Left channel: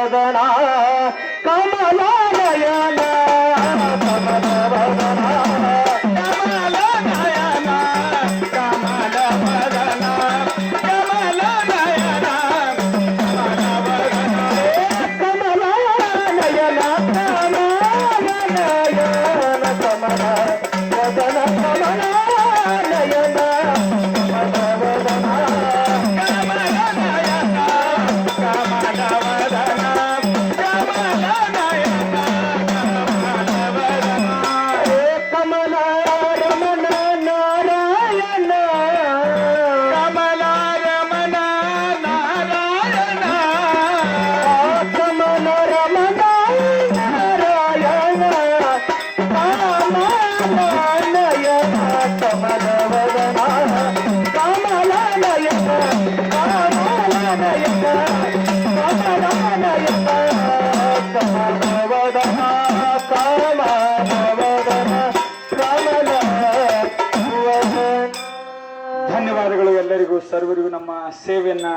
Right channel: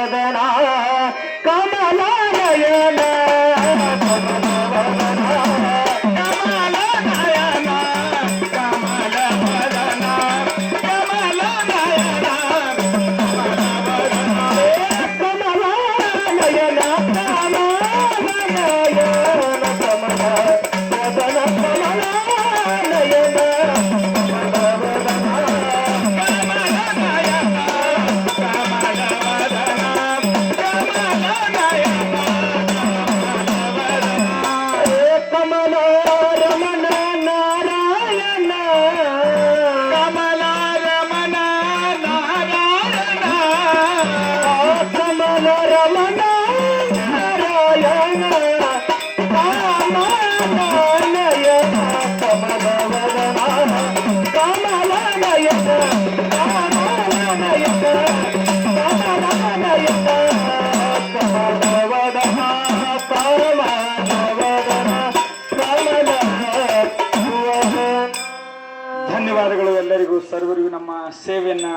ವದನ ಕಮಲ ನಯನ ಕಮಲ ವದನ ಕಮಲ ನಯನ ಕಮಲ ವದನ ಕಮಲ ನಯನ ಕಮಲ ವದನ ಕಮಲ ನಯನ ಕಮಲ ನಯನ ಕಮಲ ವದನ ಕಮಲ ನಯನ ಧನ್ಯವಾದಗಳು ಎಲ್ಲರಿಗೂ ಸರ್ವರಿಗೂ ನಮ್ಮ ಸೇವೆಯನ್ನ